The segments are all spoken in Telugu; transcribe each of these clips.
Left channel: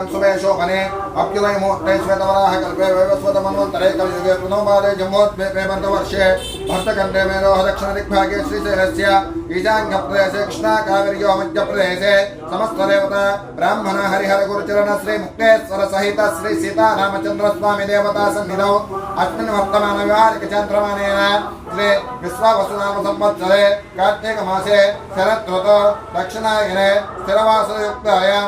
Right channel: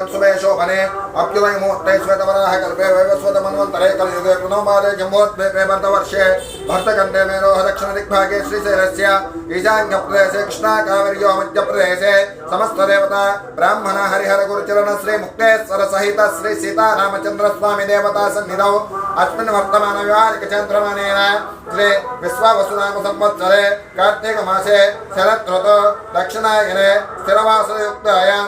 सुमेशोभने अभ्युदय मुहूर्ते श्वेतवराह कल्पे वैवस्वत मन्वन्तरे कलयुगे पुनोमादे जम्बोद्भेदे भरतवर्षे भरतखण्डे मेरोह दक्षिणदिग्भागे श्रीशैलस्य ईशान्यप्रदेशे कृष्णाकावेर्यो मध्यप्रदेशे समस्तदेवता ब्राह्मण हरिहर गुरुचरण श्री मुक्तेश्वर सहित श्री सीतारामचन्द्र स्वामी देवता सन्निधौ अस्मिन् वर्तमान व्यवहारिक चन्द्रमानेन श्री विश्वावसुनाम संवत्सरे कार्तिक मासे शरत् ऋतौ दक्षिणायने स्थिरवासयुक्तायां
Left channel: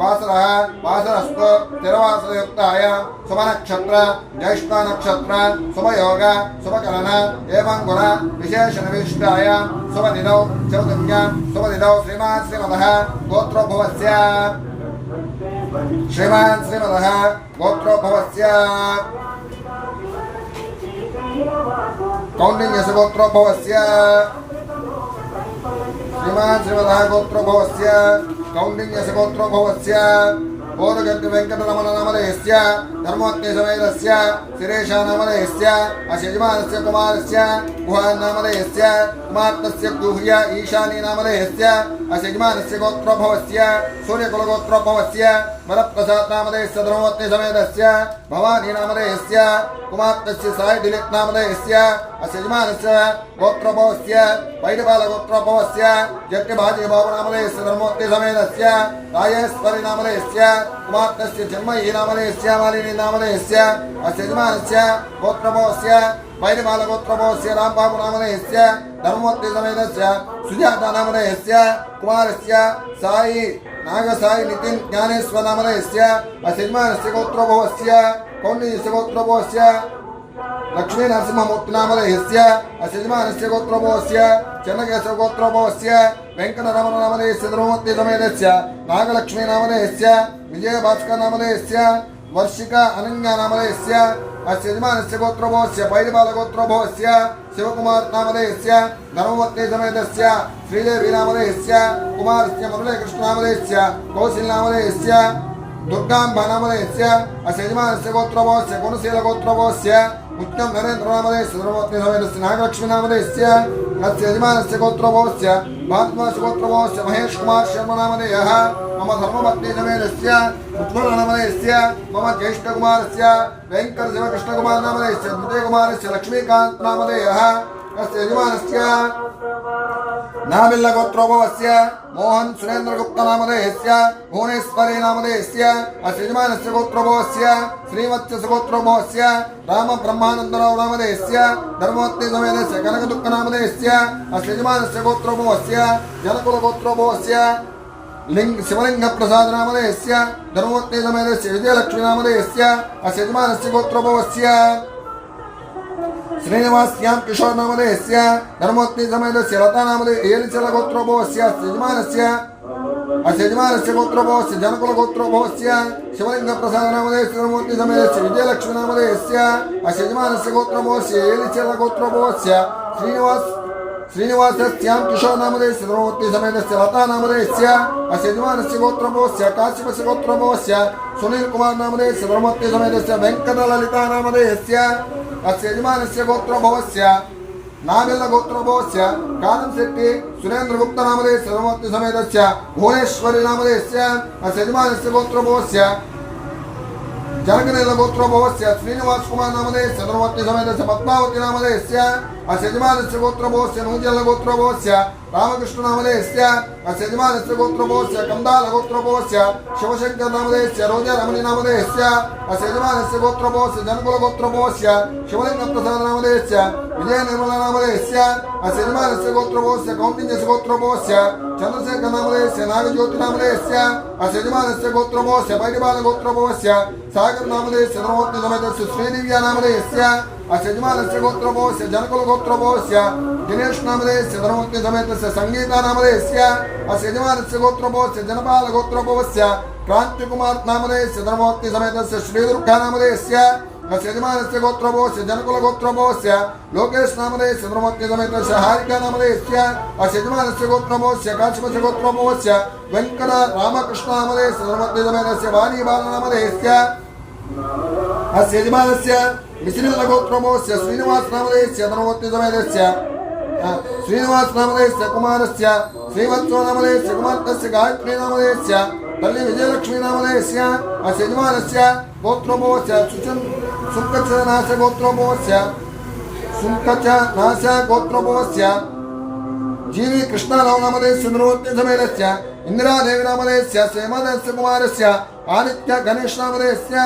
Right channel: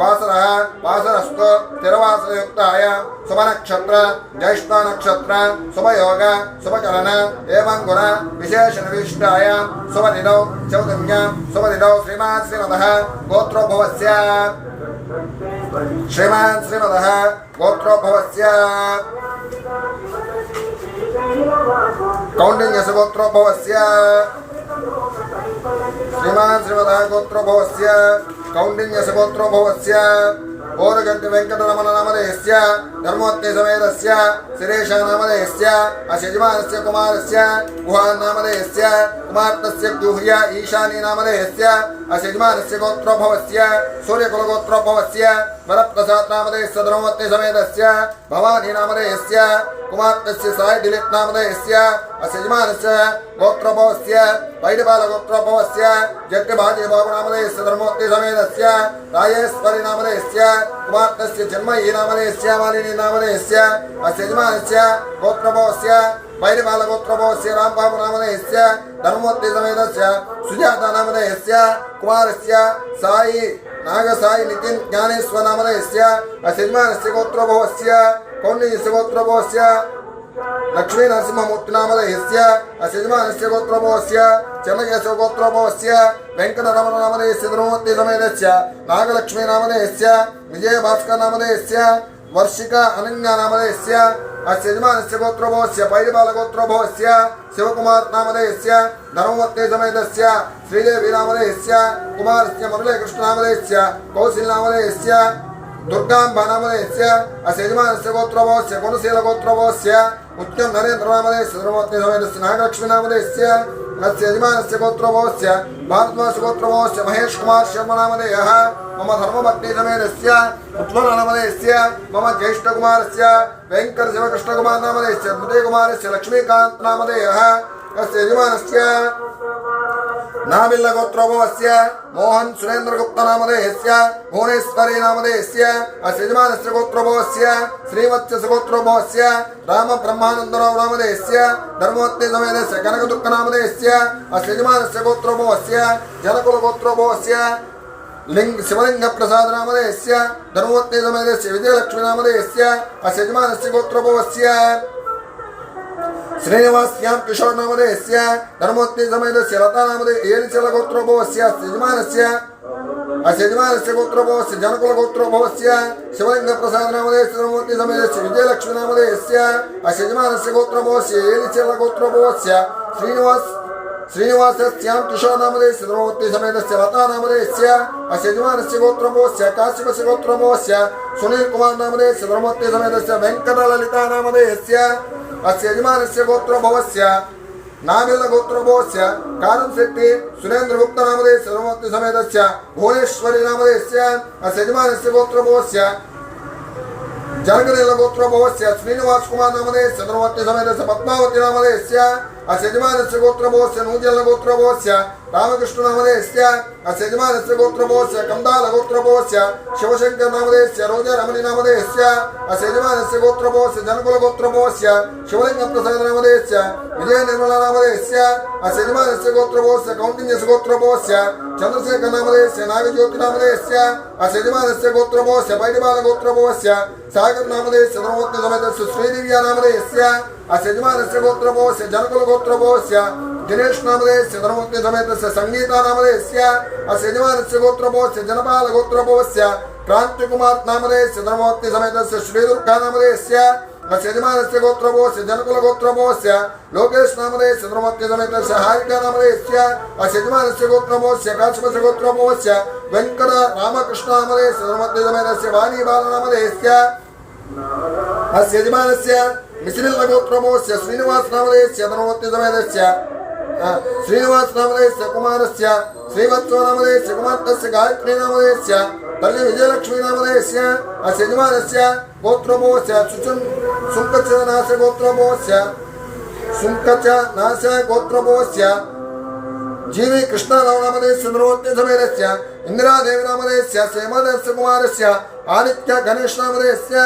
वासरः वासरस्तु स्थिरवासरयुक्तायां शुभनक्षत्र ज्येष्ठ नक्षत्र शुभयोग शुभकरण एवं गुण विशेषणविशिष्टायां शुभनिधौ चौदन्यां शुभनिधौ श्रीमान् श्रीमदः गोत्रोद्भवस्य कौण्डिन्यस्य गोत्रोद्भवस्य श्रीमान् श्रीमदः गोत्रोद्भवस्य कौण्डिन्यस्य गोत्रोद्भवस्य ओरगंटि वेंकटरमण नामधेयस्य धर्मोत्ते समेतस्य शिरेशा नामधेयस्य अशयजमानस्य कुमारस्य गुहान् नामधेयस्य कुमार्तस्य गुह्य ईशानी नामधेयस्य अशयजमानस्य गोत्रोद्भवस्य सूर्यकुलगोत्रोद्भवस्य वरप्रसाद नामधेयस्य धर्मोत्ते समेतस्य भवानी नामधेयस्य कुमार्तस्य साई दिलीप नामधेयस्य अशयजमानस्य गोत्रोद्भवस्य वैडबाल गोत्रोद्भवस्य जट्टभाजी बाबू नामधेयस्य धर्मोत्ते समेतस्य राजेश्वरी नामधेयस्य कुमार्तस्य जन्मयी नामधेयस्य मालिनी नामधेयस्य अशयजमानस्य गोत्रोद्भवस्य वैडबाल गोत्रोद्भवस्य रामबाबू नामधेयस्य धर्मोत्ते समेतस्य सुजाता नामधेयस्य कुमारस्य साई नागसाई नितिन ज्ञानेश्वर नामधेयस्य अशयजमानस्य गोत्रोद्भवस्य कौण्डिन्यस्य गोत्रोद्भवस्य लक्ष्मी नरसिंहमूर्ति नामधेयस्य अशयजमानस्य गोत्रोद्भवस्य चन्नकेशव गोत्रोद्भवस्य वेंकटरमण नामधेयस्य धर्मोत्ते समेतस्य नागलक्ष्मी नामधेयस्य विजयभास्कर नामधेयस्य वर्षिका अनन्या नामधेयस्य अशयजमानस्य गोत्रोद्भवस्य पैडिबाल गोत्रोद्भवस्य शिवकुमार नामधेयस्य धर्मोत्ते समेतस्य श्रीदेवी नामधेयस्य कुमारस्य मुरलीकृष्ण नामधेयस्य कौशिल नामधेयस्य दुर्गांबा नामधेयस्य अशयजमानस्य गोत्रोद्भवस्य गुणशील गोत्रोद्भवस्य उत्तम नरेंद्र नामधेयस्य धर्मोत्ते समेतस्य नागलक्ष्मी नामधेयस्य अशयजमानस्य गोत्रोद्भवस्य भारद्वाज गोत्रोद्भवस्य महेश कुमार शर्मा नामधेयः मम धर्मपत्नी समेतस्य उत्पल नामधेयस्य मम ज्येष्ठ कुमारस्य वेंकट शिवकृष्ण कुमार नामधेयस्य मृदय कुमारस्य लक्ष्मीकांत नामधेयः अशयजमानस्य नाबिल्ल गोत्रोद्भवस्य मोहन सुरेंद्र गुप्ता नामधेयस्य भुवनेश्वरी नामधेयस्य अशयजमानस्य गोत्रोद्भवस्य श्रीवत्स्य गोत्रोद्भवस्य राम ब्रह्मानंदराव नामधेयस्य धर्मोत्ते समेतस्य कनकदुःख नामधेयस्य अशयजमानस्य गोत्रोद्भवस्य जनकुल गोत्रोद्भवस्य लिंग शिवलिंग प्रसाद नामधेयस्य धर्मोत्ते समेतस्य विजयलक्ष्मी नामधेयस्य अशयजमानस्य गोत्रोद्भवस्य श्रीनिवास्यां किशोर नामधेयस्य धर्मोत्ते समेतस्य लता नामधेय एलिचल गोत्रोद्भवस्य अशयजमानस्य गोत्रोद्भवस्य जनकुल गोत्रोद्भवस्य शिवलिंग प्रसाद नामधेयस्य धर्मोत्ते समेतस्य विजयलक्ष्मी नामधेयस्य अशयजमानस्य गोत्रोद्भवस्य एलिचल गोत्रोद्भवस्य श्रीनिवास्यां किशोर नामधेयस्य धर्मोत्ते समेतस्य लता नामधेयस्य अशयजमानस्य गोत्रोद्भवस्य काश्यपस्य गोत्रोद्भवस्य सुनील कुमार नामधेयस्य धर्मोत्ते समेतस्य वेंकटललिता नामधेयस्य अशयजमानस्य गोत्रोद्भवस्य नाबिल्ल गोत्रोद्भवस्य कानमशेट्टी सुरेंद्र गुप्ता नामधेयस्य धर्मोत्ते समेतस्य भुवनेश्वरी नामधेयस्य अशयजमानस्य गोत्रोद्भवस्य जनगणेल गोत्रोद्भवस्य श्रीनिवास कुमार नामधेयस्य धर्मोत्ते समेतस्य पद्मावती नामधेयस्य अशयजमानस्य गोत्रोद्भवस्य नूजल गोत्रोद्भवस्य रामकृष्ण नामधेयस्य अशयजमानस्य गोत्रोद्भवस्य कंदाल गोत्रोद्भवस्य शिवशंकर नामधेयस्य रोजा रमणी नामधेयस्य अशयजमानस्य गोत्रोद्भवस्य जनकुल गोत्रोद्भवस्य शिवलिंग प्रसाद नामधेयस्य विजय निर्मला नामधेयस्य अशयजमानस्य गोत्रोद्भवस्य कौण्डिन्यस्य गोत्रोद्भवस्य चंद्रशेखर नामधेयस्य नागज्योति नामधेयस्य अशयजमानस्य गोत्रोद्भवस्य पैडिबाल गोत्रोद्भवस्य सागर नामधेयस्य धर्मोत्ते समेतस्य श्रीदिव्या नामधेयस्य अशयजमानस्य गोत्रोद्भवस्य जनकुल गोत्रोद्भवस्य दिनेश नामधेयस्य धर्मोत्ते समेतस्य संगीता नामधेयस्य अशयजमानस्य गोत्रोद्भवस्य जनपाल गोत्रोद्भवस्य क्रांतिकुमार नामधेयस्य धर्मोत्ते समेतस्य श्रीदुर्गा नामधेयस्य अशयजमानस्य गोत्रोद्भवस्य जनकुल गोत्रोद्भवस्य लोकेश नामधेयस्य धर्मोत्ते समेतस्य हारिका नामधेयस्य अशयजमानस्य गोत्रोद्भवस्य काश्यपस्य गोत्रोद्भवस्य वेंकट रामकृष्ण नामधेयस्य धर्मोत्ते समेतस्य वाणीबाल नामधेयस्य अशयजमानस्य मिश्रिल गोत्रोद्भवस्य श्रीनिवास नामधेयस्य धर्मोत्ते समेतस्य श्रीनिवास नामधेयस्य कुमारस्य श्रीवत्सो नामधेयस्य कुमारस्य गायत्री नामधेयस्य तल्ली विजयलक्ष्मी नामधेयस्य अस्य यजमानस्य गोत्रोभवस्य सुङ्कच नास्य गोत्रोभवस्य सुङ्कच नास्य गोत्रोभवस्य जीवी कृष्णराव नामधेयस्य नृवत्य समेतस्य इंदिरादेवी नामधेयस्य श्रीमदस्य कुमारस्य आदित्य गणेश नामधेयस्य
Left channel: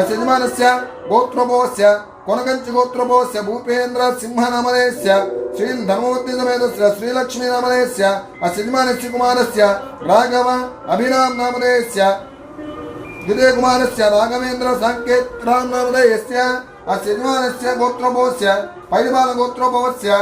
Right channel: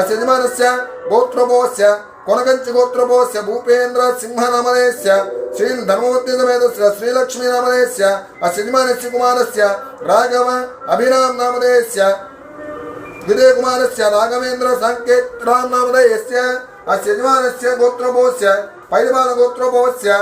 अस्य यजमानस्य गोत्रोभवस्य कोनगंच गोत्रोभवस्य भूपेन्द्र सिंह नामधेयस्य श्री धर्मवती समेतस्य श्रीलक्ष्मी नामधेयस्य अस्य यजमानस्य कुमारस्य राघव अभिराम नामधेयस्य विजय कुमारस्य राघवेन्द्र संकेत राम नामधेयस्य अस्य यजमानस्य गोत्रोभवस्य पैलवान गोत्रोभवस्य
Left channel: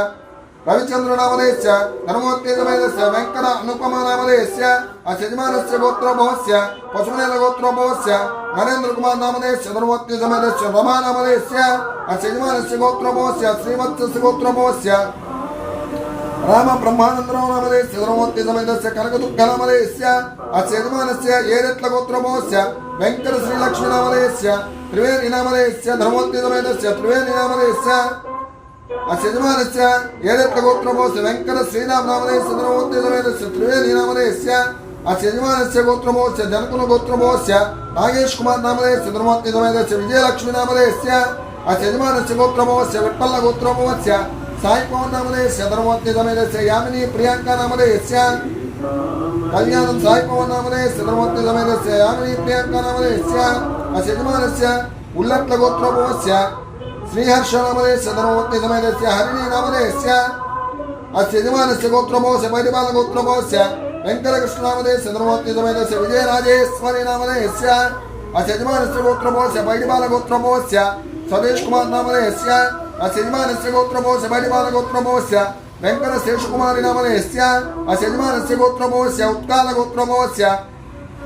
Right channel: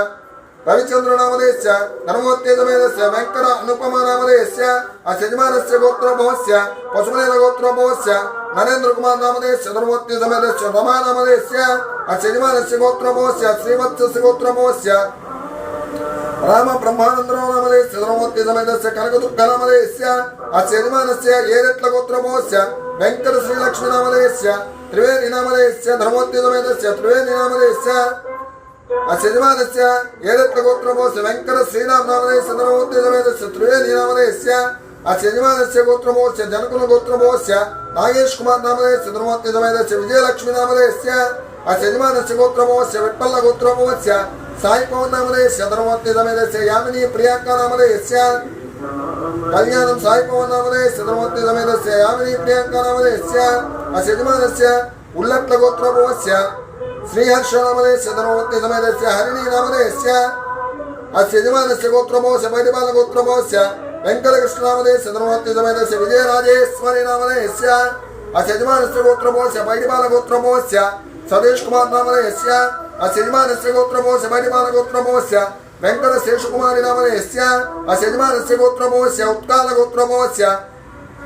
रविचंद्र नामधेयस्य धर्मवती समेतस्य वेंकट अनुपमा नामधेयस्य अस्य यजमानस्य गोत्रोभवस्य पशुमनेन गोत्रोभवस्य नरेंद्र कुमार नामधेयस्य धर्मवती समेतस्य रमा नामधेयस्य अस्य यजमानस्य गोत्रोभवस्य श्रीवत्सस्य गोत्रोभवस्य राम ब्रह्मानंदराव नामधेयस्य धर्मवती समेतस्य कनकदुर्ग नामधेयस्य अस्य यजमानस्य एरेट्ल गोत्रोभवस्य वेंकट श्रीलक्ष्मी नामधेयस्य त्रिवेणी नामधेयस्य धर्मवती समेतस्य त्रिवेणी नामधेयस्य अस्य यजमानस्य एरेट्ल गोत्रोभवस्य वेंकट श्रीराम नामधेयस्य धर्मवती समेतस्य त्रिवेणी नामधेयस्य अस्य यजमानस्य गोत्रोभवस्य जनकुल गोत्रोभवस्य नागेश कुमार नामधेयस्य धर्मवती समेतस्य विजयलक्ष्मी नामधेयस्य अस्य यजमानस्य गोत्रोभवस्य विठ्ठल गोत्रोभवस्य साई पवन नामधेयस्य धर्मवती समेतस्य यामिनी प्रियंका नामधेयस्य कल्याणं साई पवन नामधेयस्य धर्मवती समेतस्य यामिनी प्रियंका नामधेयस्य अस्य यजमानस्य उल्लट्ल गोत्रोभवस्य श्रीहर्ष नामधेयस्य धर्मवती समेतस्य हरिणी नामधेयस्य अस्य यजमानस्य गोत्रोभवस्य परिपाल गोत्रोभवस्य वेंकटकृष्ण नामधेयस्य धर्मवती समेतस्य विजयराजेश्वरी नामधेयस्य अस्य यजमानस्य गोत्रोभवस्य परिपाल गोत्रोभवस्य सदेश कुमार नामधेयस्य अस्य यजमानस्य गोत्रोभवस्य परिपाल गोत्रोभवस्य वेंकट शेषकुमारी नामधेयस्य अस्य यजमानस्य गोत्रोभवस्य उत्काल गोत्रोभवस्य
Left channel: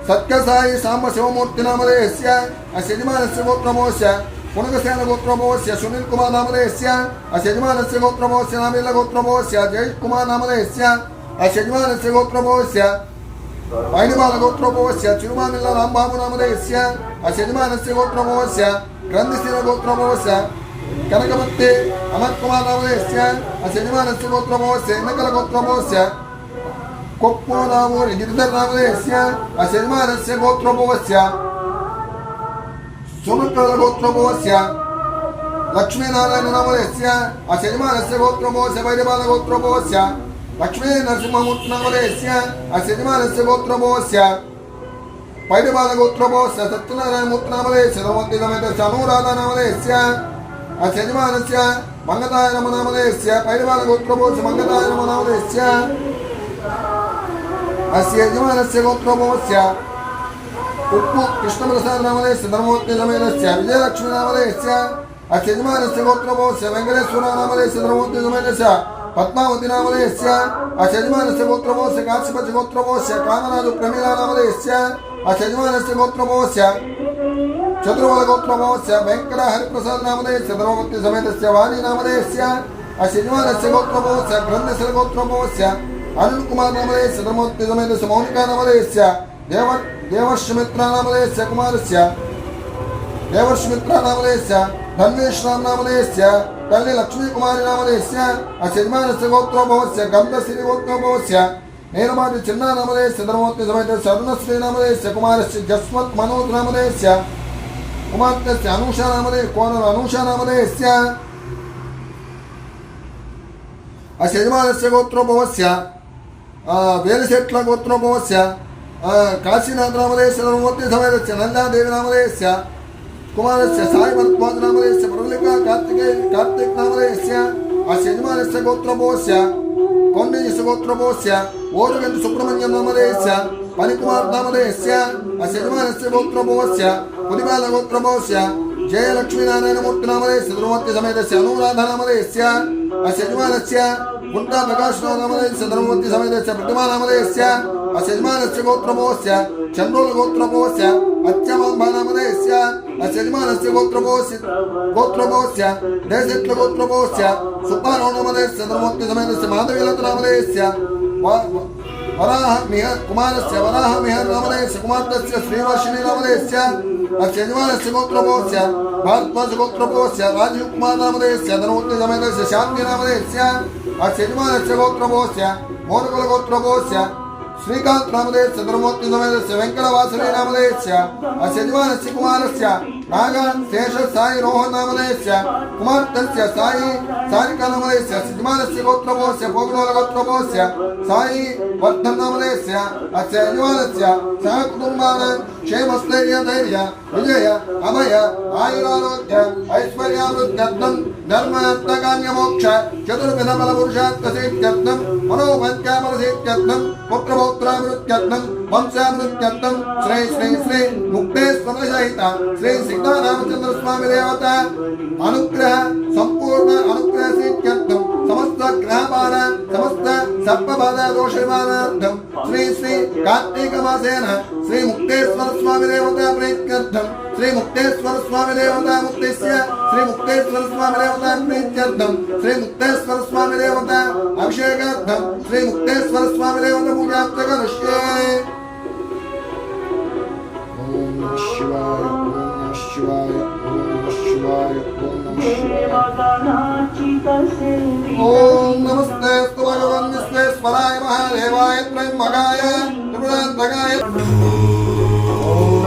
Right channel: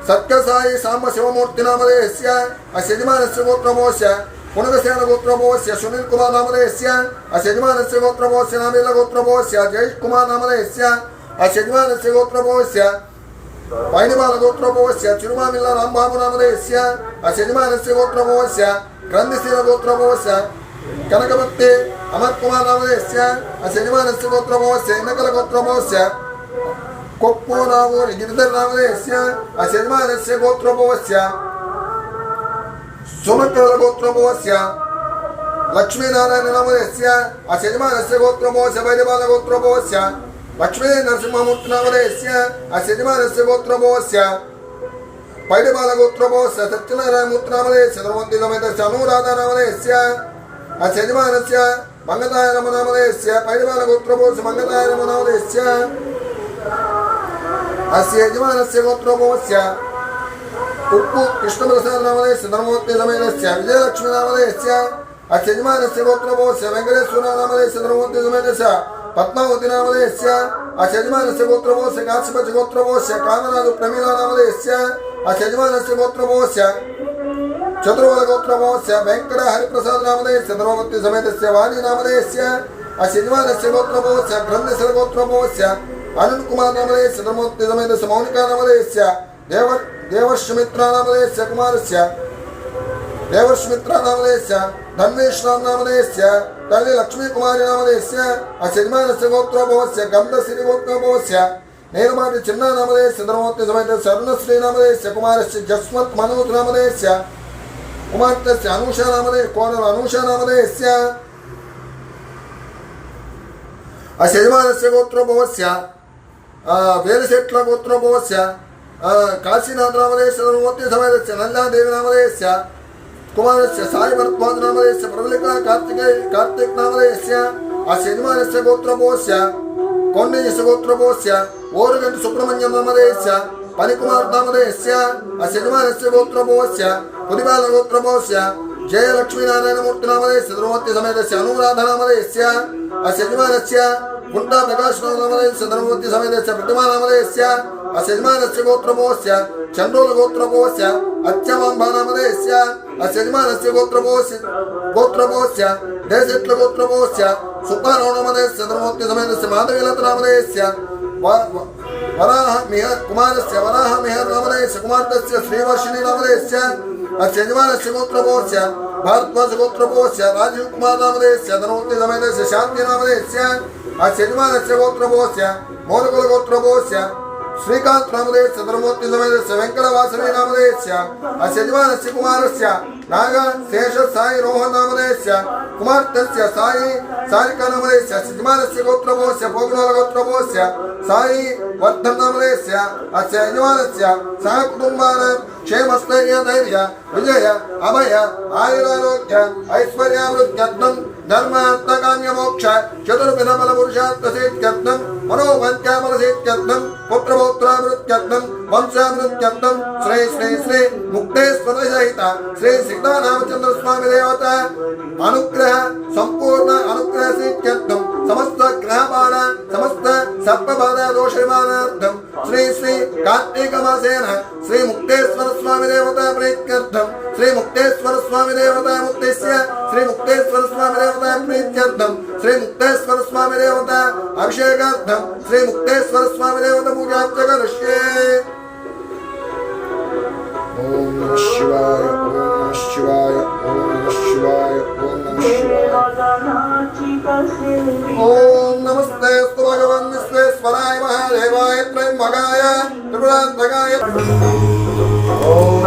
सत्यसाई सांब शिवमूर्ति नामधेयस्य अस्य यजमानस्य गोत्रोभवस्य पुनगसेन गोत्रोभवस्य सुनील कुमार नामधेयस्य अस्य यजमानस्य गोत्रोभवस्य नामील गोत्रोभवस्य जय कुमार नामधेयस्य अस्य यजमानस्य गोत्रोभवस्य पैनिबाल गोत्रोभवस्य चिरुमामिल्ल रामबाबु नामधेयस्य अस्य यजमानस्य गोत्रोभवस्य ग्रंथिशील गोत्रोभवस्य कनकभक्ति अमर कुमार नामधेयस्य अस्य यजमानस्य गोत्रोभवस्य इनकल गोत्रोभवस्य कोप्पो नामूर गिरिधर नामधेयस्य अस्य यजमानस्य गोत्रोभवस्य सोमकल गोत्रोभवस्य लक्ष्मीनारायण नामधेयस्य अस्य यजमानस्य गोत्रोभवस्य वैद्यबाल गोत्रोभवस्य लक्ष्मी नरसिंहमूर्ति नामधेयस्य अस्य यजमानस्य गोत्रोभवस्य पैडबाल गोत्रोभवस्य सत्यनारायण मूर्ति नामधेयस्य धर्मवती समेतस्य अनुराधा नामधेयस्य अस्य यजमानस्य मंगताय नमः नामधेयस्य पैडबाल गोत्रोभवस्य मंगताय नमः नामधेयस्य अस्य यजमानस्य गोत्रोभवस्य उप्पु कृष्णप्रसाद नामधेयस्य धर्मवती समेतस्य विजयलक्ष्मी नामधेयस्य अस्य यजमानस्य गोत्रोभवस्य वेंकटेश्वर नामधेयस्य धर्मवती समेतस्य पद्मावती नामधेयस्य अस्य यजमानस्य गोत्रोभवस्य काश्यपच गोत्रोभवस्य कामराजु प्रमीला नामधेयस्य अस्य यजमानस्य गोत्रोभवस्य चतुर्वल गोत्रोभवस्य वेंकट हरिप्रसाद नामधेयस्य धर्मवती समेतस्य वाणी नामधेयस्य अस्य यजमानस्य गोत्रोभवस्य ग्रंथिशील गोत्रोभवस्य अनिल कुमार नामधेयस्य धर्मवती समेतस्य मौनिका नामधेयस्य देवर्षमित्रा नामधेयस्य कुमारस्य देवर्षमित्रा नामधेयस्य धन्वेश्राम नामधेयस्य तल्ली लक्ष्मी कुमारी नामधेयस्य अस्य यजमानस्य गोत्रोभवस्य गंधश्री गोत्रोभवस्य नेरमादि चिन्ना नामधेयस्य धर्मवती समेतस्य अरुणश्री नामधेयस्य कुमारस्य जस्वंत मनोज नामधेयस्य कुमारस्य अनुषा नामधेयस्य कोनर अनुषा नामधेयस्य अस्य यजमानस्य गोत्रोभवस्य वेलशेट्ल गोत्रोभवस्य काशीनाथ नामधेयस्य धर्मवती समेतस्य नंदादेवी नामधेयस्य कुमारस्य साई भरद्वाज नामधेयस्य प्रबलिका कार्तिक नामधेयस्य अस्य यजमानस्य गोत्रोभवस्य कौंडिन्यस्य गोत्रोभवस्य ओरगंट सुब्रह्मण्यम नामधेयस्य पनिकुमार नामधेयस्य अस्य यजमानस्य गोत्रोभवस्य पुदिबाल गोत्रोभवस्य जयलक्ष्मी नारायण मूर्ति नामधेयस्य धर्मवती समेतस्य अनुराधा नामधेयस्य अस्य यजमानस्य गुंटा प्रकाश नामधेयस्य धर्मवती समेतस्य प्रतिमा नामधेयस्य अस्य यजमानस्य गोत्रोभवस्य चंडोल गोत्रोभवस्य अच्छमांबा नामधेयस्य अस्य यजमानस्य गोत्रोभवस्य देशेट्ल गोत्रोभवस्य सुब्बाराव नामधेयस्य धर्मवती समेतस्य माधवीलता नामधेयस्य वराह मिहर कुमारस्य वराह मिहर नामधेयस्य कुमारस्य श्रीवर्षिणी नामधेयस्य अस्य यजमानस्य गोत्रोभवस्य भारद्वाज गोत्रोभवस्य राजीव कुमार नामधेयस्य धर्मवती समेतस्य शांति नामधेयस्य अस्य यजमानस्य गोत्रोभवस्य मौनकुल गोत्रोभवस्य श्रीकांत नामधेयस्य धर्मोत्ति समेतस्य वेंकटवासवी नामधेयस्य अस्य यजमानस्य कुमारस्य नाग शेष साई रोहन नामधेयस्य कुमार्तस्य साई सारिका नामधेयस्य यजमानस्य गोत्रभोस्य पोगनोल गोत्रभोस्य साई वर्धन नामधेयस्य अस्य यजमानस्य सह कुटुंबानां क्षेमस्थैर्य धैर्य विजय अभय आयुरारोग्य ऐश्वर्यावृद्ध्यर्थं धर्मार्थकाम्य मोक्ष चतुर्विध फल पुरुषार्थ सिद्ध्यर्थं मनोवाञ्छाफलसिद्ध्यर्थं पुत्रपौत्रामृत्यर्थं वंशामृत्यर्थं श्री श्री श्री मुक्तेश्वर सहित श्री सीतारामचंद्र स्वामी देवता अनुग्रह संपूर्ण अनुग्रह सिद्ध्यर्थं समस्त ग्रहबाध समस्त सर्पबाधा दोष निवारणार्थं श्री श्री कार्तिक मासेन श्री मुक्तेश्वर स्वामी देवता प्रीत्यर्थं श्री मुक्तेश्वर स्वामी देवता मुक्तेस्य श्री मुक्तेश्वर स्वामी देवता प्रीत्यर्थं श्री मुक्तेश्वर स्वामी देवता अभिषेकार्थं श्री मुक्तेश्वर स्वामी देवता पूजा करिष्ये। ओम नमः शिवाय ओम नमः शिवाय ओम नमः शिवाय ओम नमः शिवाय ओम नमस्ते स्तु भगवन् विश्वेश्वराय महादेवाय त्रयंबकाय त्रिपुरान्तकाय ओम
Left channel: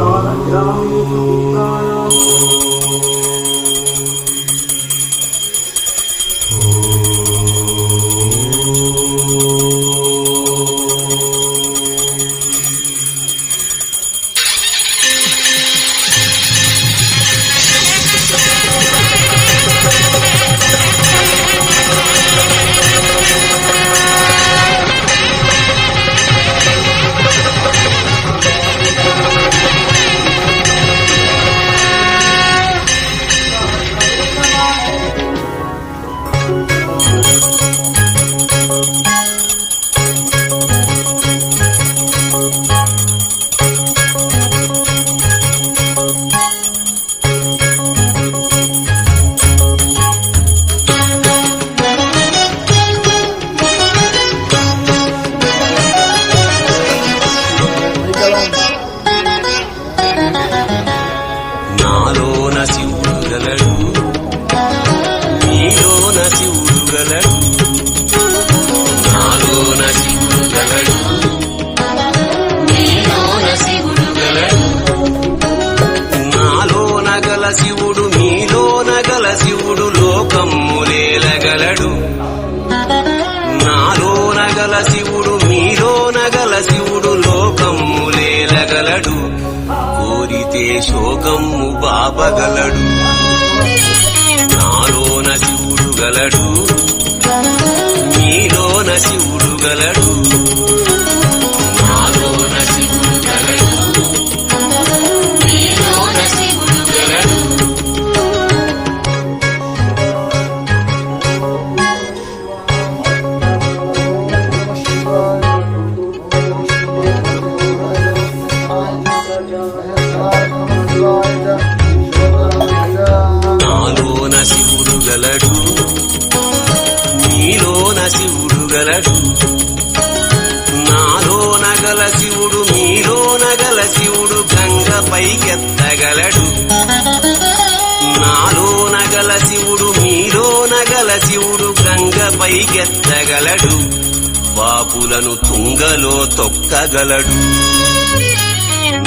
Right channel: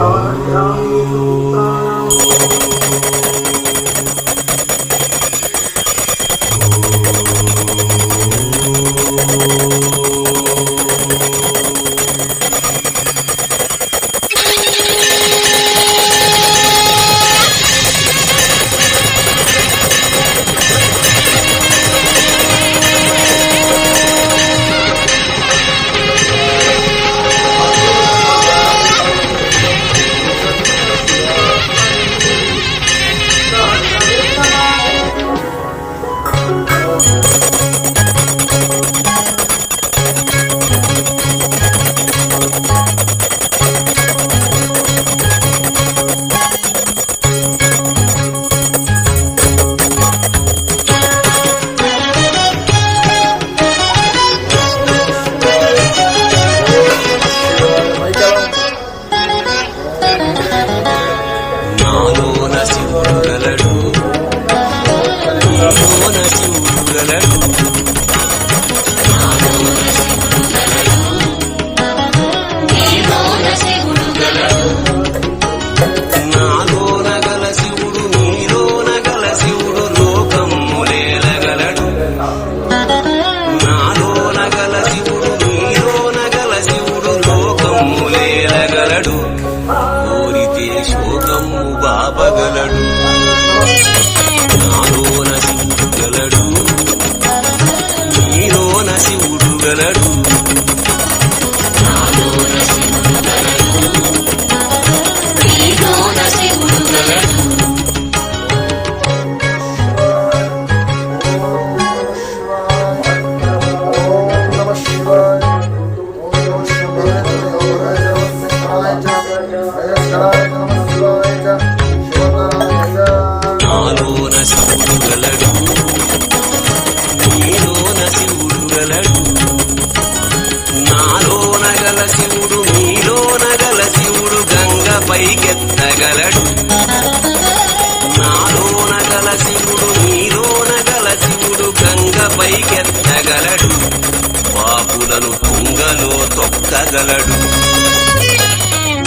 తొక్కగలడు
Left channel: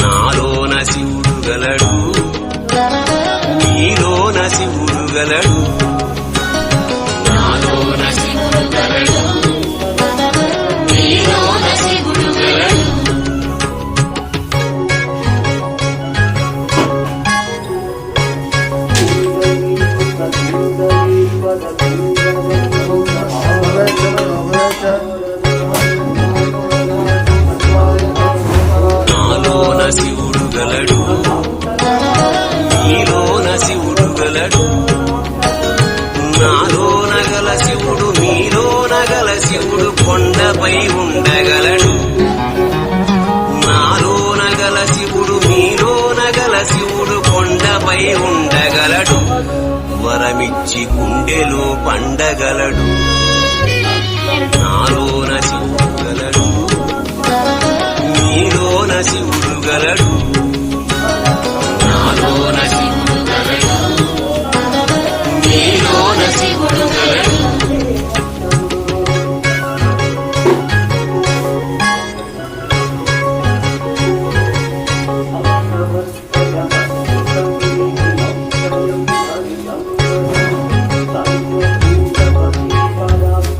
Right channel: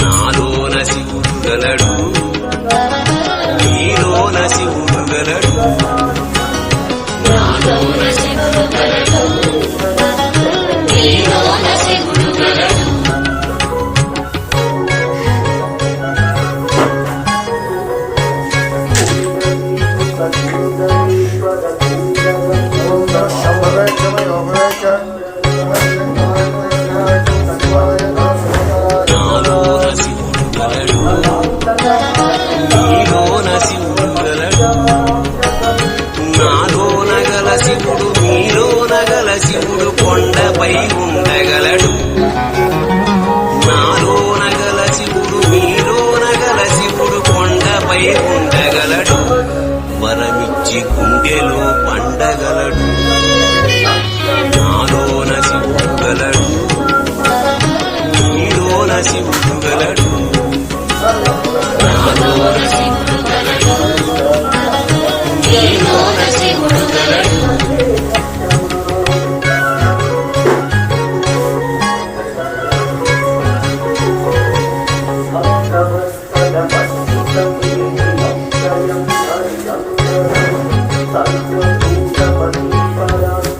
నాలోన శివుడు గలడు నీలోన శివుడు గలడు నాలోన శివుడు గలడు నీలోన శివుడు గలడు Om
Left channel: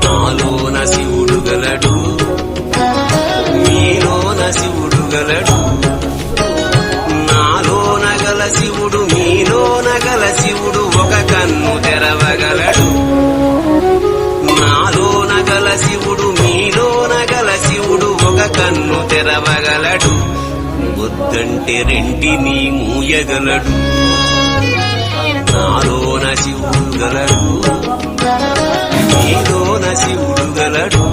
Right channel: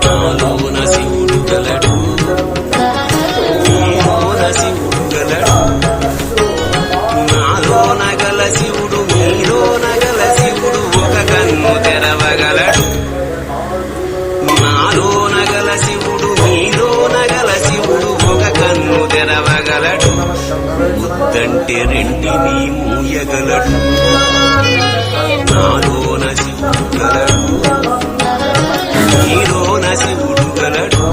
నాలోన శివుడు గలడు నీలోన శివుడు గలడు నాలోన గల శివుడు నీలోన గల శివుడు ఒక కన్ను తెరవగలడు నాలోన గల శివుడు నీలోన గల శివుడు ఒక కన్ను తెరవగలడు వద్దంటే రెంటిని మూయగలడు నాలోన శివుడు గలడు నీలోన శివుడు గలడు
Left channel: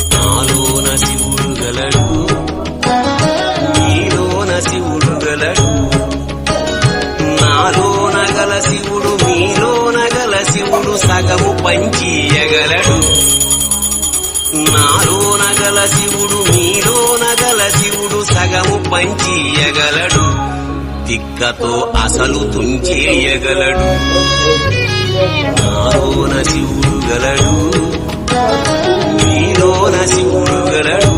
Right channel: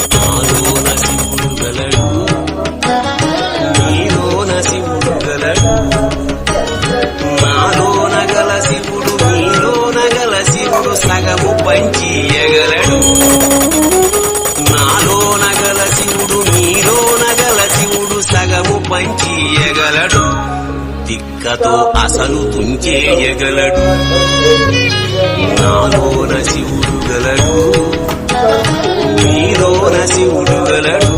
నాలోన శివుడు గలడు నీలోన శివుడు గలడు నాలోన గల శివుడు నీలోన గల శివుడు సగము పంచియగలడు నాలోన గల శివుడు నీలోన గల శివుడు సగము పంచియగలడు దిక్కతో అసలు తుంచేయగలడు నాలోన శివుడు గలడు నీలోన శివుడు గలడు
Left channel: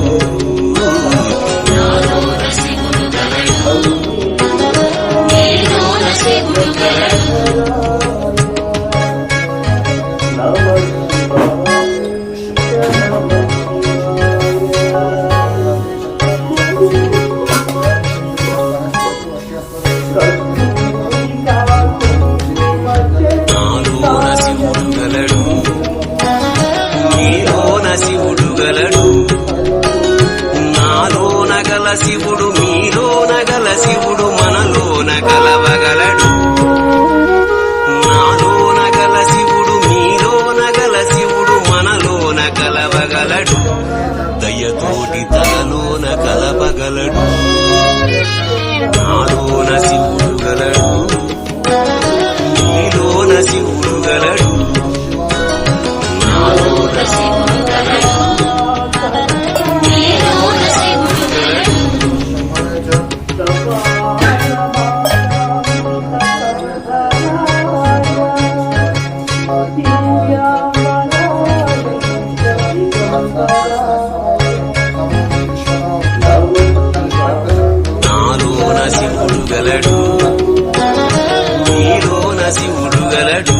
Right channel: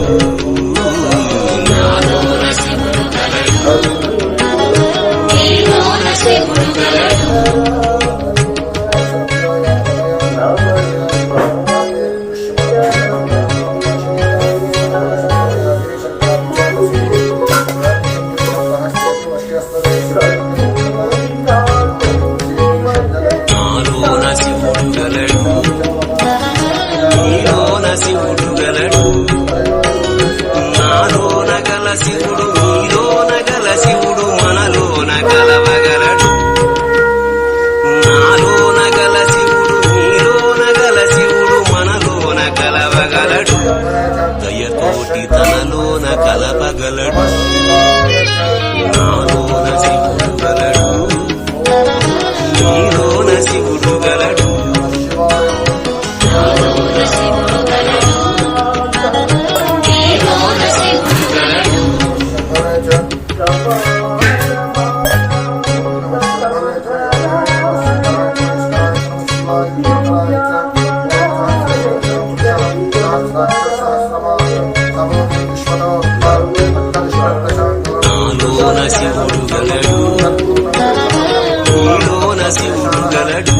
నాలోన శివుడు గలడు నీలోన శివుడు గలడు నాలోన గల శివుడు నీలోన గల శివుడు మనలోన గలవగలడు నాలోన గల శివుడు నీలోన గల శివుడు మనలోన గలవగలడు దయతోటి తనలోన కలపగలడు నాలోన శివుడు గలడు నీలోన శివుడు గలడు నాలోన శివుడు గలడు నీలోన శివుడు గలడు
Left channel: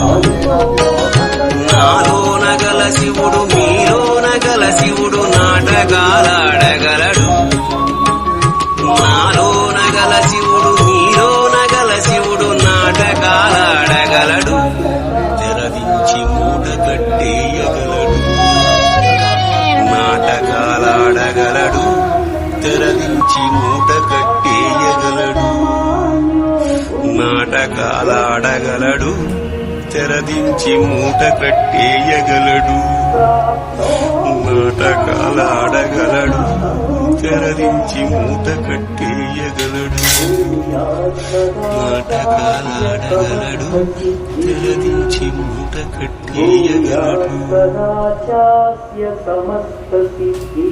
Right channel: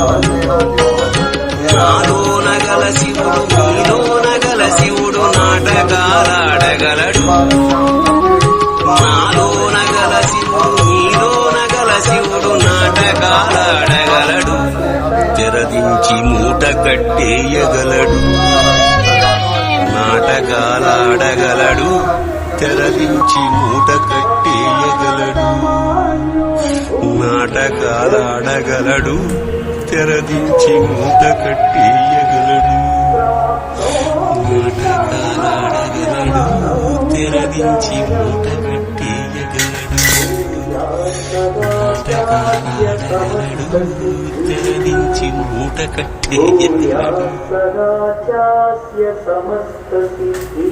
నాలోన గల శివుడు నీలోన గల శివుడు నాటకాలాడగలడు నాలోన గల శివుడు నీలోన గల శివుడు నాటకాలాడగలడు తెరవించి మూట కట్టేయగలడు నాటకాలాడగలడు తెరవించి మూట కట్టేయగలడు నాటకాలాడగలడు తెరదించి మూట కట్టేయగలడు నాటకాలాడగలడు తెరదించి మూట కట్టేయగలడు నాటకాలాడగలడు తెరదించి మూట కట్టేయగలడు సమస్త సిద్ధి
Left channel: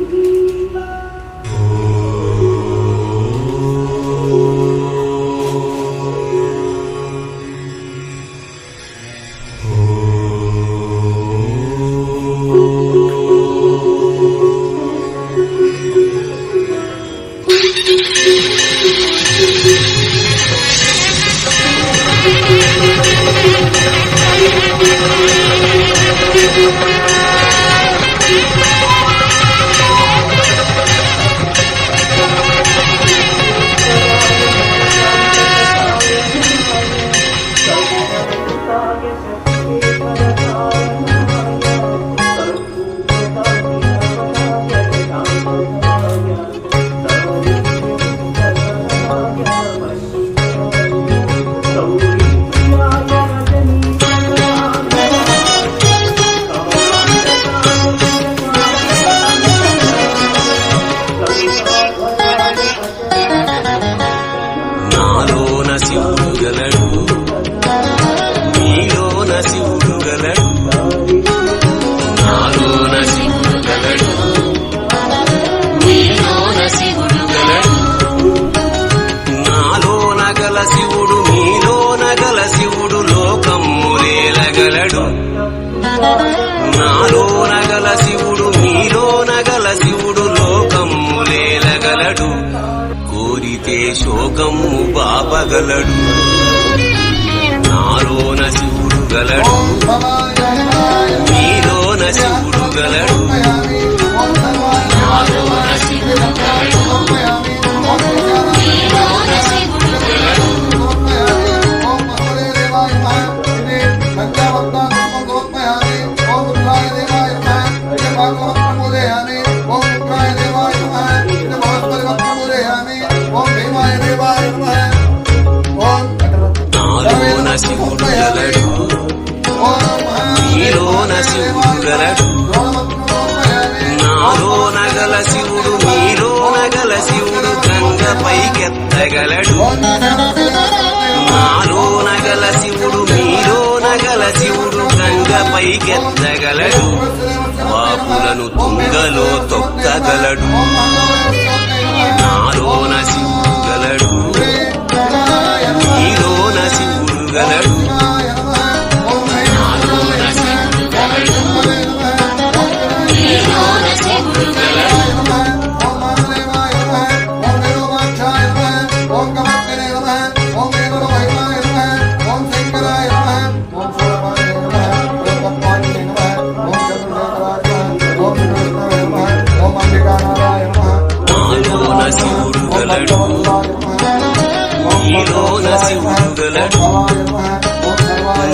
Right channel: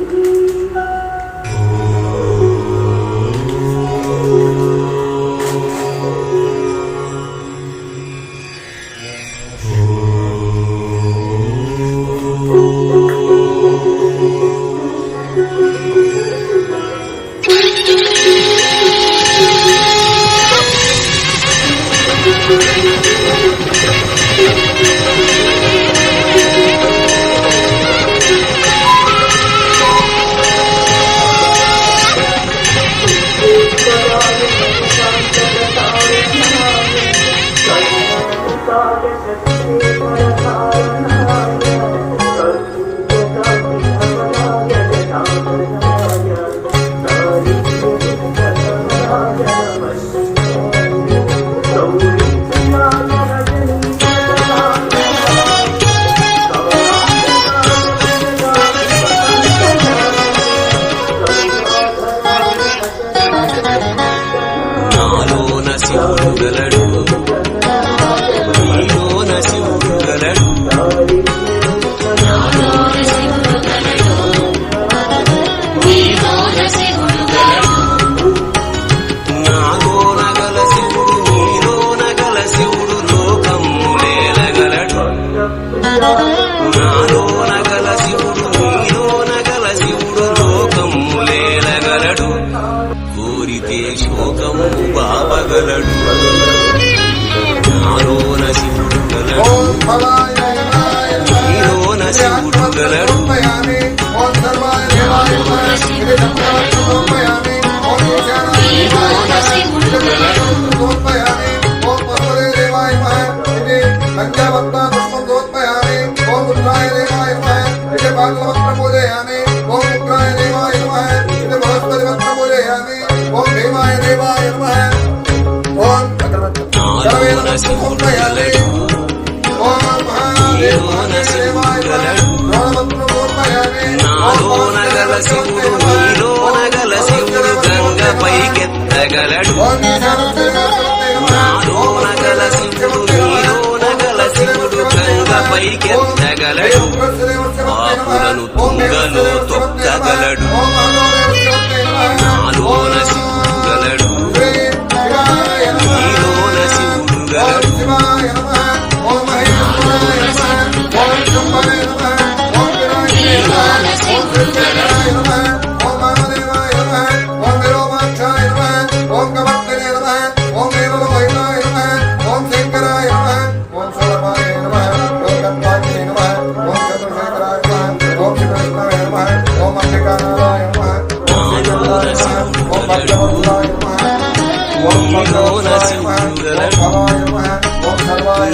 समर्पयामि ओम सर्वाय देवाय नमः इति दक्षिणार्थं समर्पयामि ओम ईशानाय देवाय नमः इति दक्षिणार्थं समर्पयामि ओम भगवते देवाय नमः इति लङ्कावत्ता पुष्पं समर्पयामि ओम रुद्राय देवाय नमः इति भागवतं पूजयामि ओम रुद्राय देवाय नमः इति बृहस्पतिवत्तं पूजयामि ओम देवाय देवाय नमः ओम सर्वेण समर्पयामि ओम महादेवाय देवाय नमः द्रोणवत्तं समर्पयामि నాలో నగల శివుడు నీలో నగల శివుడు గంగపైకెత్తగలడు ओम నాలో నగల శివుడు నీలో నగల శివుడు గంగపైకెత్తగలడు పాపులను తుంగలో తొక్కగలడు నాలోన శివుడు గలడు నీలోన శివుడు గలడు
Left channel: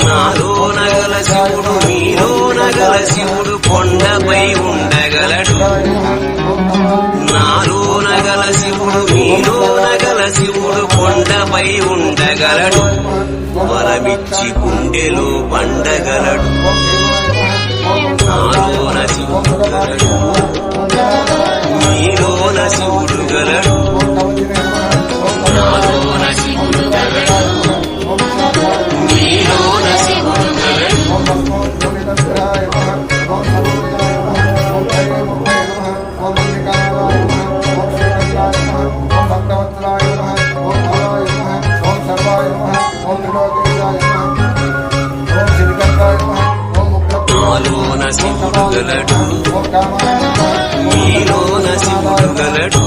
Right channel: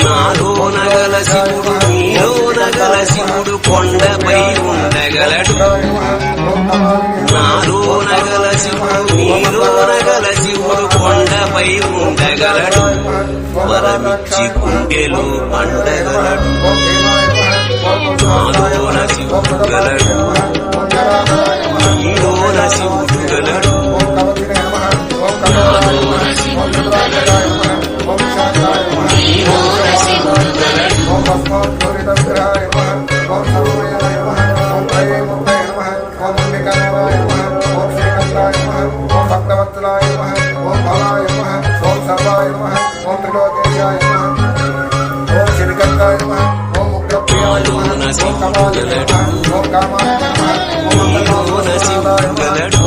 నాలో నగల శివుడు నీలో నగల శివుడు కొండపై ఉండగలడు నాలో నగల శివుడు నీలో నగల శివుడు కొండపై ఉండగలడు వరమిచ్చి గుండెలో పండగలడు నాలోన శివుడు గలడు నీలోన శివుడు గలడు నాలోన శివుడు గలడు నీలోన శివుడు గలడు నాలోన శివుడు గలడు నీలోన శివుడు గలడు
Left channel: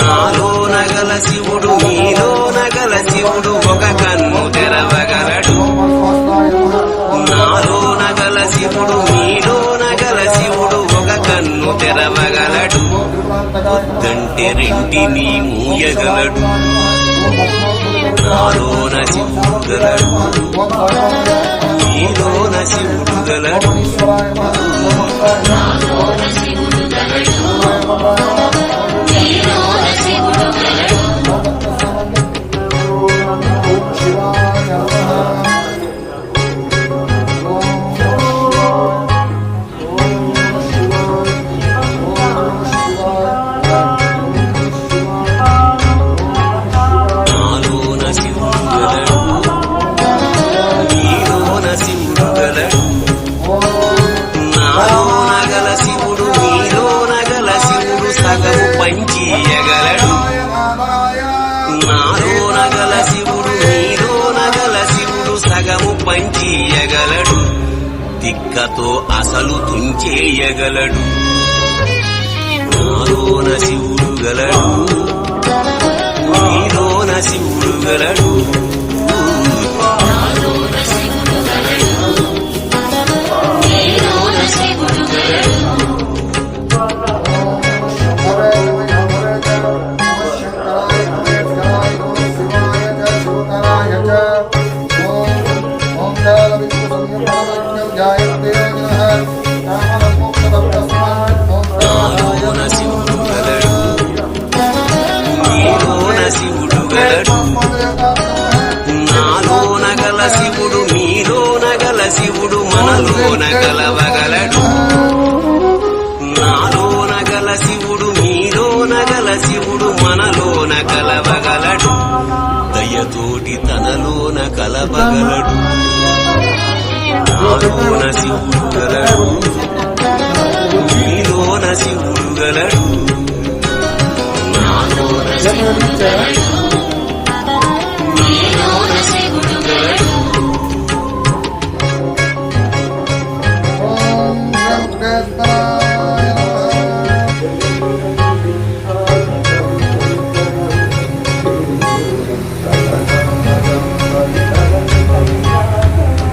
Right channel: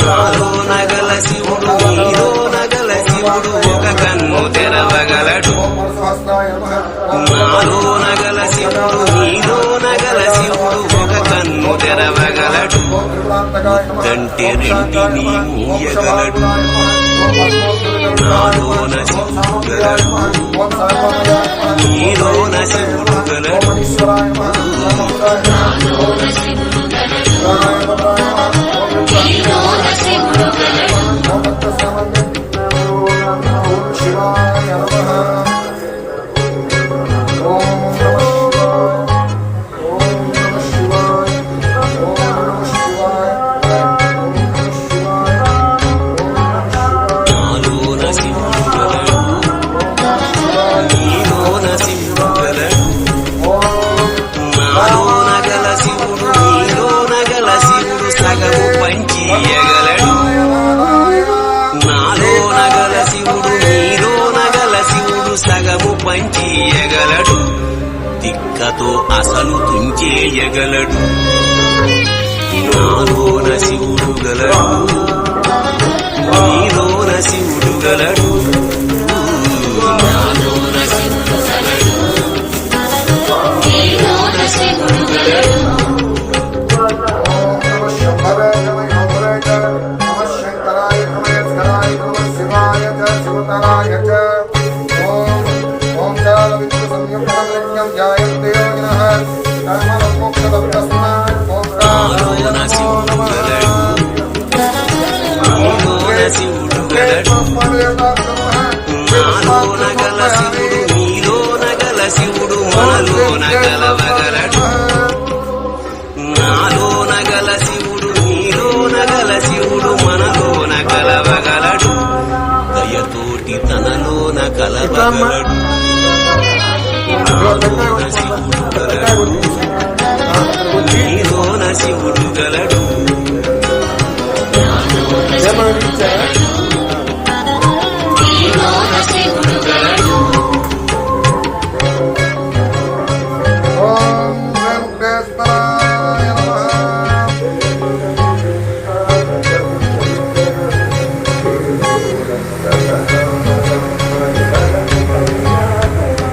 నాలో నగల శివుడు నీలో నగల శివుడు ఒక కన్ను తెరవగలడు నాలో నగల శివుడు నీలో నగల శివుడు ఒక కన్ను తెరవగలడు కంటి రెంటిని మూయగలడు నాలోన శివుడు గలడు నీలోన శివుడు గలడు నాలోన శివుడు గలడు నీలోన శివుడు గలడు నాలో నగల శివుడు నీలో నగల శివుడు సగము పంచియగలడు నాలో నగల శివుడు నీలో నగల శివుడు సగము పంచియగలడు తిక్కతో అసలు తుంచేయగలడు నాలోన శివుడు గలడు నీలోన శివుడు గలడు నాలోన శివుడు గలడు నీలోన శివుడు గలడు నాలోన శివుడు గలడు నీలోన శివుడు గలడు నాలోన గల శివుడు నీలోన గల శివుడు మనలోన గలవగలడు నాలోన గల శివుడు నీలోన గల శివుడు మనలోన కలవగలడు దయతోటి తనలోన కలవగలడు నాలోన శివుడు గలడు నీలోన శివుడు గలడు నాలోన శివుడు గలడు నీలోన శివుడు గలడు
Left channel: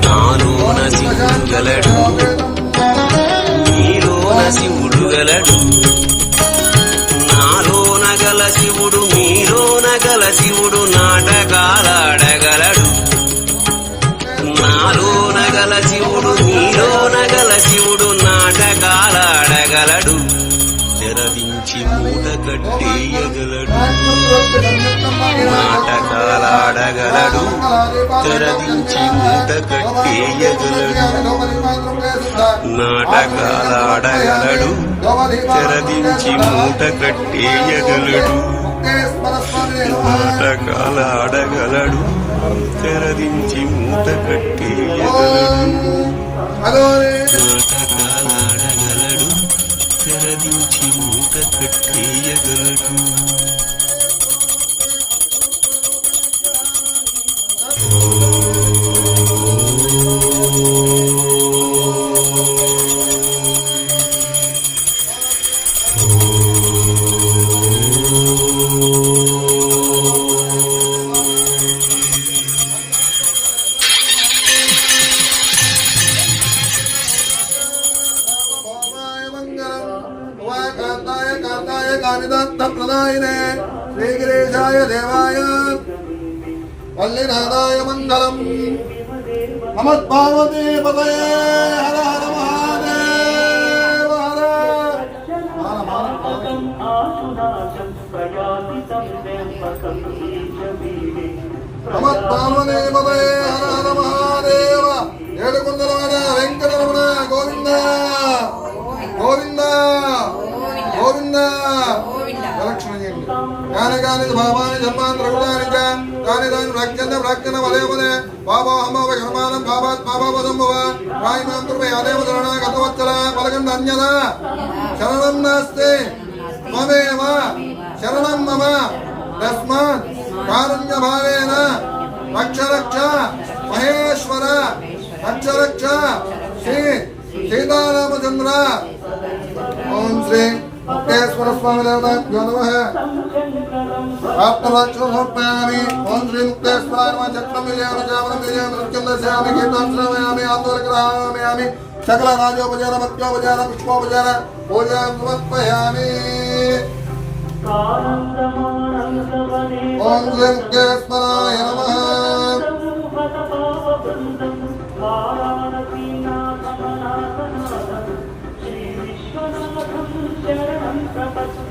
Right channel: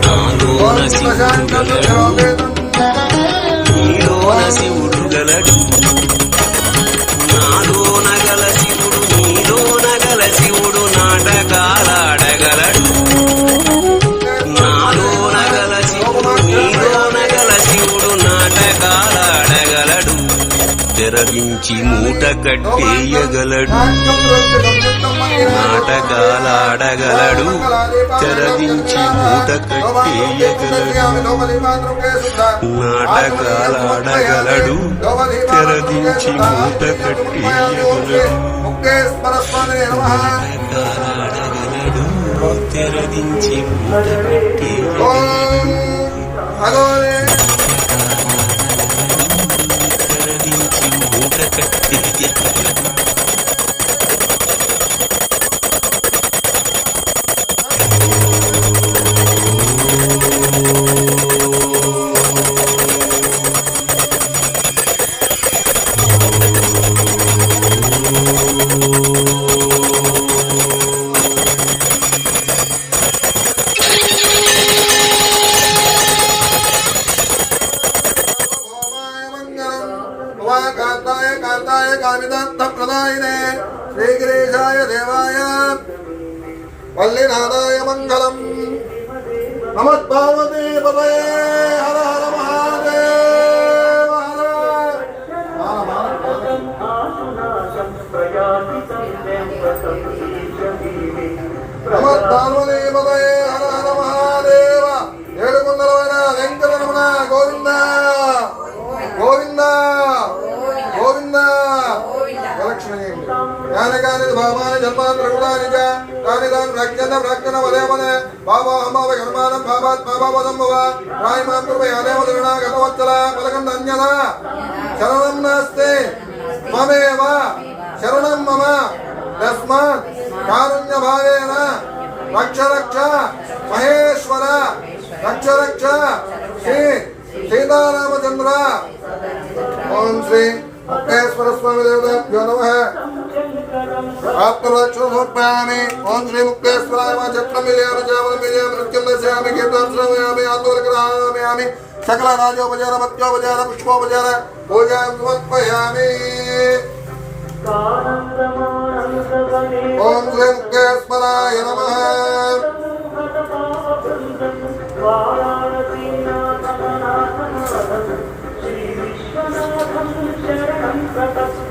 నాలోన శివుడు గలడు శివుడు గలడు నాలోన గల శివుడు నీలోన గల శివుడు నాటకాలాడగలడు నాలోన గల శివుడు నీలోన గల శివుడు నాటకాలాడగలడు తెరవించి మూట కట్టేయగలడు నాటకాలాడగలడు తెరవించి మూట కట్టేయగలడు నాటకాలాడగలడు తెరవించి మూట కట్టేయగలడు నాటకాలాడగలడు తెరవించి మూట కట్టేయగలడు कांताय कामिदत्त प्रदायिने श्रीगिरीशाय देवाय वल्लीनाथाय मंगलम् नमः पार्वती पतये हर हर महादेव हर नमः पार्वती पतये हर हर महादेव ఏడుకొండలవైన వెంకటరమణ గోవింద గోవింద గోవింద ప్రదక్షిణ చేయండి కాని కాని భావాన్ని జన్మాంతర కృతాని కాని దాని ప్రక్షణ పదే పదే బాబాహమ కర్మానం బాబాత్ బాబాపదంభవ రాయిమాం కృపయాదేవ శరణాగతవత్సల పలకంద అన్యద శరణం నాస్తి త్వమేవ శరణం మమ తస్మాత్ కారుణ్య భావేన రక్ష రక్ష మహేశ్వర రక్ష రక్ష శ్రీ సీతారామచంద్ర ఓం శ్రీ ముక్తేశ్వర స్వామి దేవతాభ్యో నమః ఆత్మరక్షణ సమర్పయామి ఓం శ్రీ ముక్తేశ్వరాయ నమః చక్రమిలియామి జామనమిలియామి నృత్యలస్యామి కీర్తనశ్రవయామి ఆందోళకరామయామి సకల రాజోపచార మత్యోపచార పుష్పోపచార పూజాం సమర్పయామి ఓం శ్రీ ముక్తేశ్వరాయ నమః శరణం ప్రతస్మ